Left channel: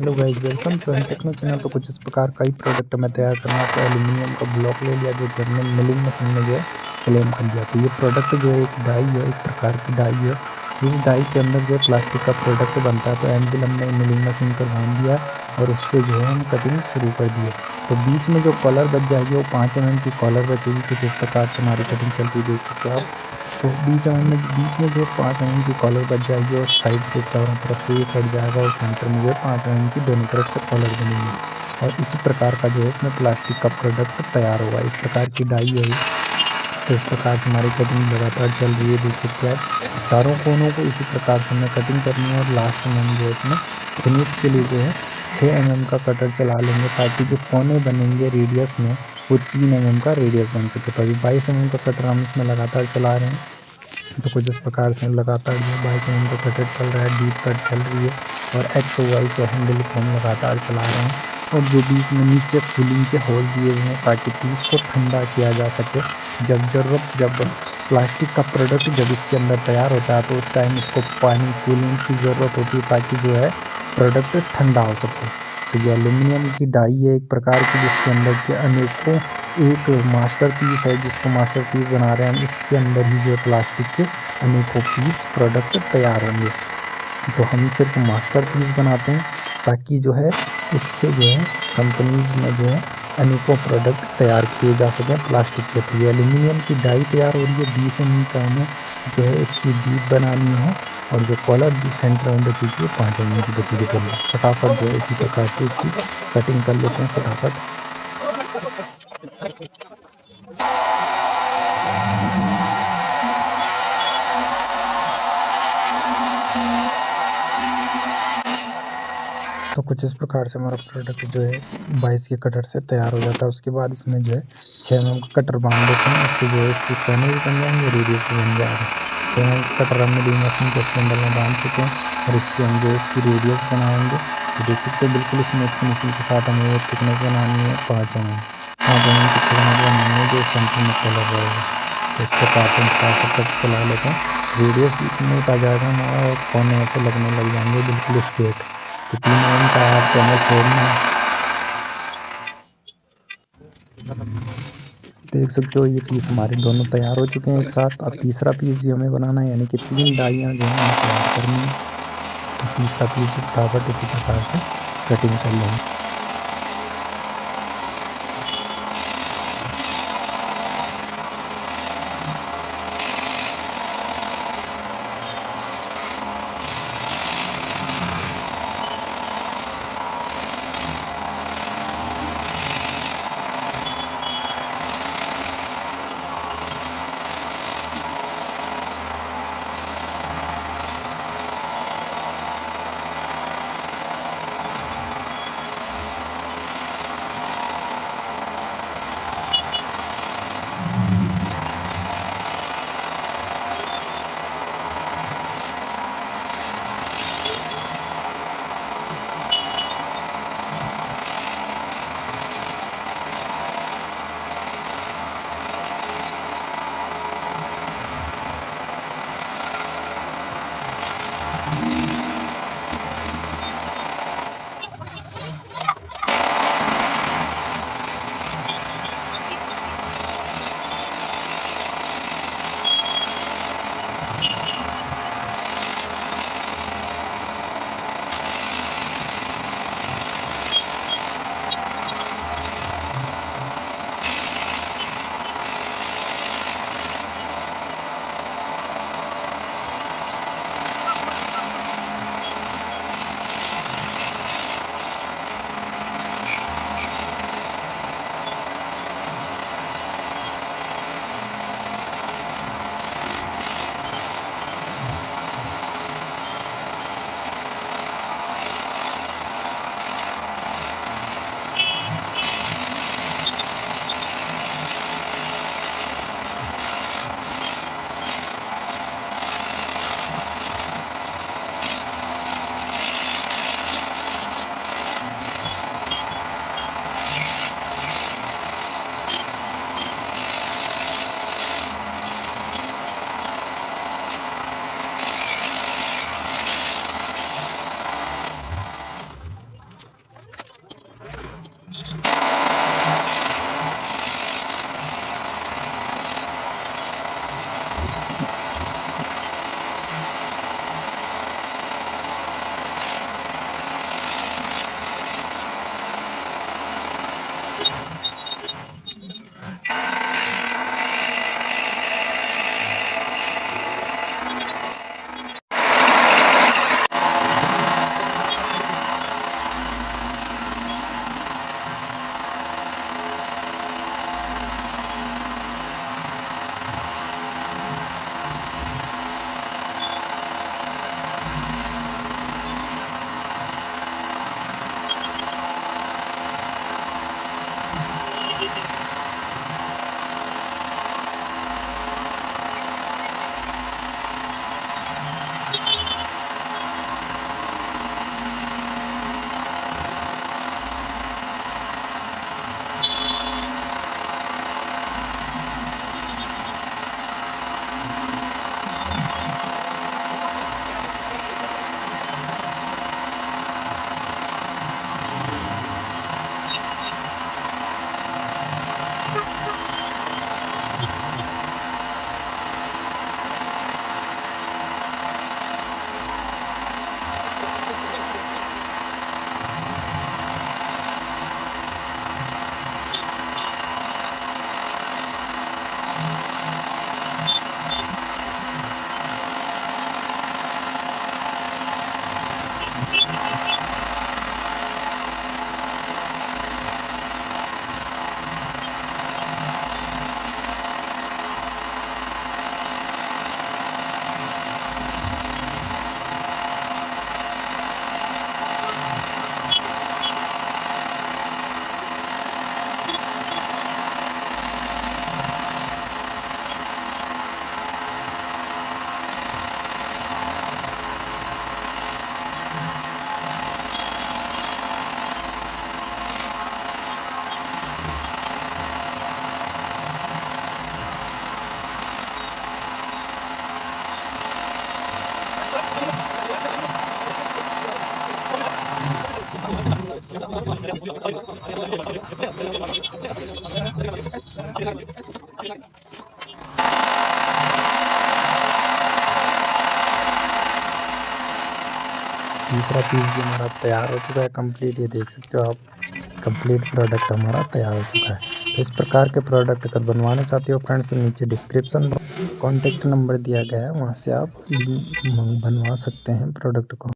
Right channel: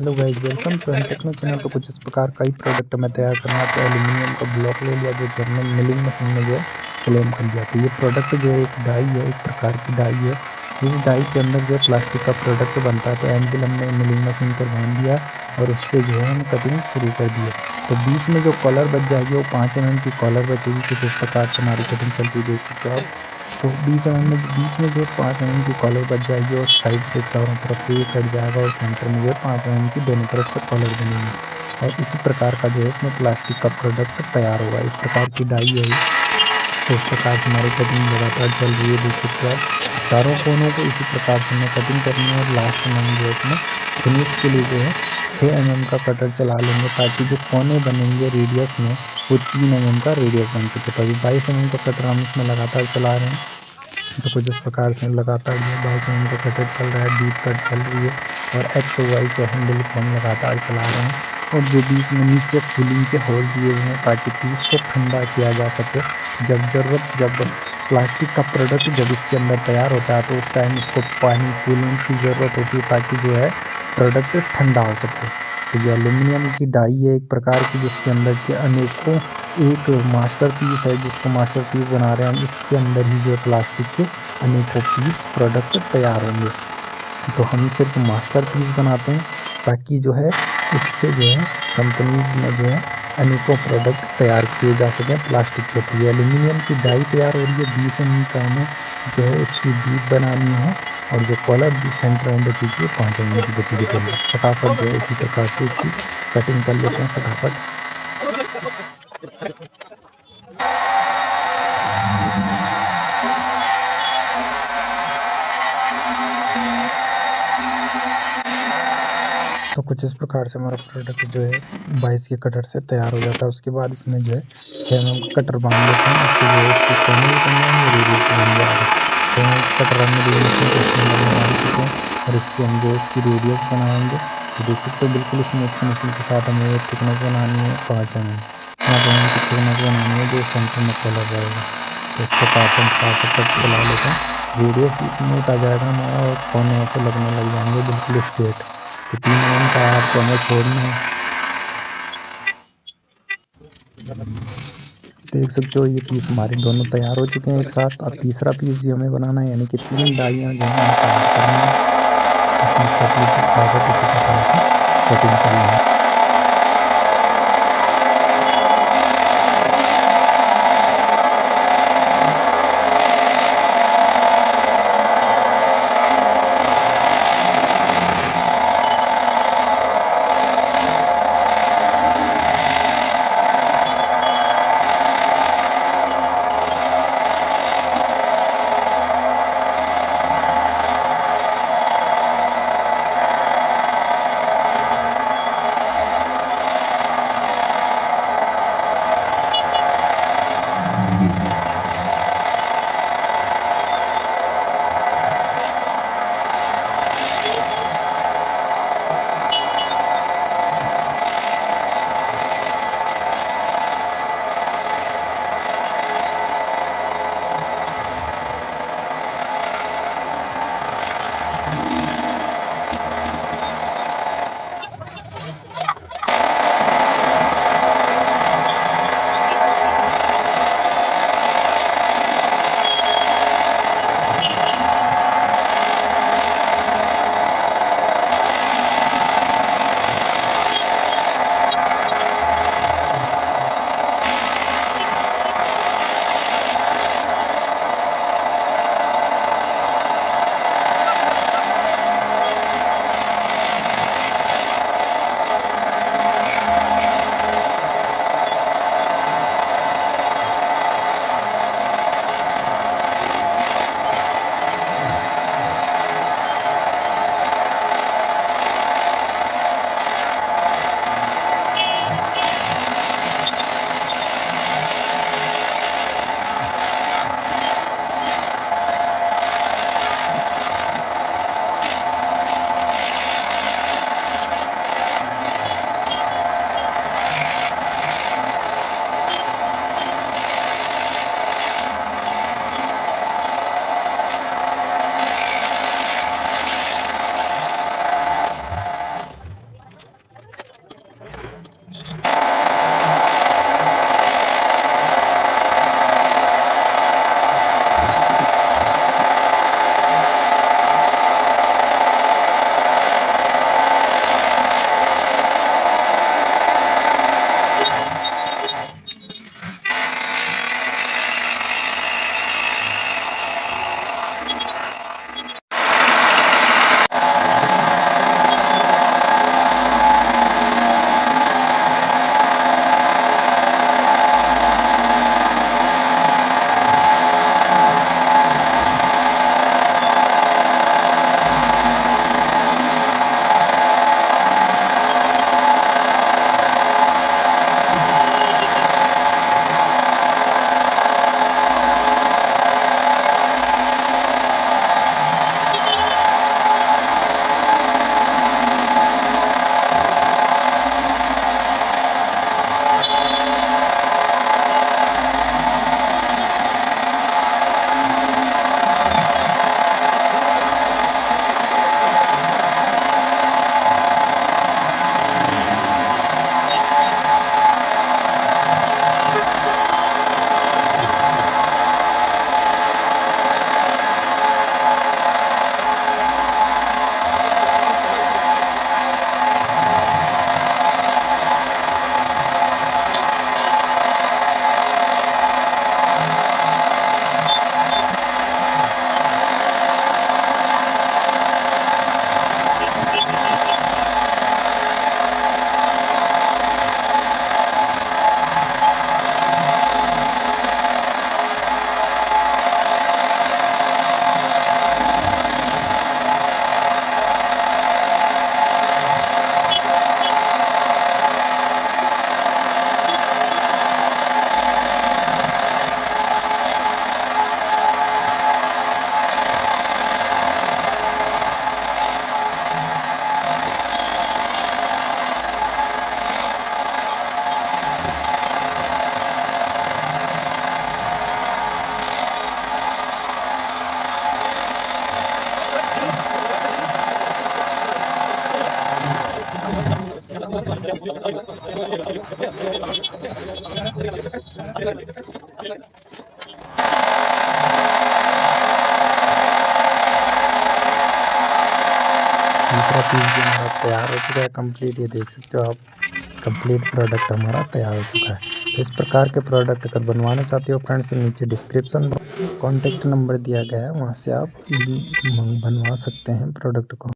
Hello guys, welcome to M Techno channel. तो कुछ इस प्रकार का ही प्रोडक्ट मैं तैयार करना। तो एल्यूमिनियम का ब्लॉक ले लिया, जो कि हमने मिलिंग मशीन में जो है फ्लेम कर लिया। तो ये प्रोडक्ट जो है एक डाई है, एक प्रकार की डाई है। इस डाई के अंदर जो है प्लास्टिक का प्रोडक्ट बनता है। तो एंविल हमने मिलिंग मशीन पर बांध दिया और उससे जो है हम कटिंग शुरू कर दिए। तो बीच में जो कॉलर बच जाएगी वो 5 mm की कॉलर बचेगी। कुछ इस प्रकार से हमारी कटिंग चलती देख सकते हो आप। तो बीच में जो 5 mm की कॉलर बच जाएगी और साइड से चारों तरफ से ये कट जाएगा और सेंटर में जो है 5 mm की दोनों तरफ से कॉलर बनेगी। और इसी प्रकार का जो है इसमें प्लास्टिक का प्रोडक्ट तैयार होगा। एक प्रकार की डाई है ये। तो इस प्रकार से हमारी कटिंग लगातार चल रही है, देख सकते हो आप। चारों कोनों को इसी प्रकार से हमें कटिंग करनी है और लास्ट में हम जो है इसमें फिनिश के लिए जो है 6 mm का कटर चला लेंगे, ताकि जो कोने बनेंगे रेडियस में वो 3 mm का रेडियस बन सके। तो अभी 22 mm का कटर हम इसमें लगातार चला रहे हैं। तो कुछ इस प्रकार से लगातार जो 22 mm का कटर चल रहा है, डीप कट चल रही है और एक्स और वाई के हैंडल को हम लगातार चला रहे हैं। और जो बीच में नीचे कूलिंग के होल दिए हुए हैं, ताकि पीस को ठंडा किया जा सके। जब प्लास्टिक का प्रोडक्ट जब इसके अंदर तैयार होता है तो उस टाइम इसको पानी कूलिंग की ज़रूरत होती है, ताकि जो है प्रोडक्ट ठंडा हो सके। तो ये एल्यूमिनियम की डाई है एक प्रकार की, जिसके अंदर के अनेकों एक मास्टर पीस है, जिसको मास्टर पीस बना रहे हैं हम। इसके अंदर ही जो है प्लास्टिक के अनेकों पीस प्रोडक्ट तैयार होंगे। तो हम सिर्फ मास्टर पीस बनाते हैं, ताकि जो है इससे जो है कंपनीज में जो है अनेकों प्रोडक्ट तैयार किए जा सकें प्लास्टिक के। तो ये एल्यूमिनियम की डाई तैयार हो रही है। 20 mm का हमें जो है इसकी डीप बनानी है और जो कॉलर भी सेंटर में बचेगी वो 5 mm की बचेगी। तो फटाफट जो है इसी प्रकार से इसकी कटिंग कर लेते हैं फटाफट। तो कुछ इस प्रकार से हमारा प्रोडक्ट जो है 22 के कटर से तैयार हो जाता है। उसके बाद इसमें जो है 6 mm का कटर बांध देते हैं। उससे जो है इसकी कोने भी बन जाएंगे, रेडियस भी बन जाएगा। 6 mm का कटर हम मिलिंग मशीन के इसके अंदर में बांध चुके हैं और इससे हम जो है इसकी रेडियस बनाएंगे। तो देख सकते हो बिल्कुल स्मूथ फिनिशिंग के साथ हमें ये थिकनेस बनानी है 5 mm। 5 mm की थिकनेस बनानी है जो सेंटर में कलर रहेगा। तो इस प्रकार से हम फटाफट कट चला लेते हैं। रेडियस भी स्मूथ आ जाएगा हमारा और कोने ऐसे लगने लग जाएंगे बिल्कुल स्ट्रेट। तो 3 mm का आपको हमें छोड़ना है। देख सकते हो ये पीस हमारे दोनों तैयार हो चुके हैं एक साथ। अब तीसरा पीस भी हमें बनाना है, यानी कि 3 डाइयाँ जो है हमें तैयार करनी है। और तीसरा पीस भी फटाफट इसी प्रकार से कटिंग कर लेंगे। तीसरा पीस भी हमारा तैयार हो चुका है कंप्लीट। ये देख सकते हो आप, कंप्लीट प्रोडक्ट हमारा तैयार हो चुका है। तो इस प्रकार के प्रोडक्ट अगर बनवाना चाहते हो फ्रेंड्स, तो नीचे डिस्क्रिप्शन कॉन्टेक्ट नंबर दिया गया है, वहाँ से आप बनवा सकते हैं प्रोडक्ट को।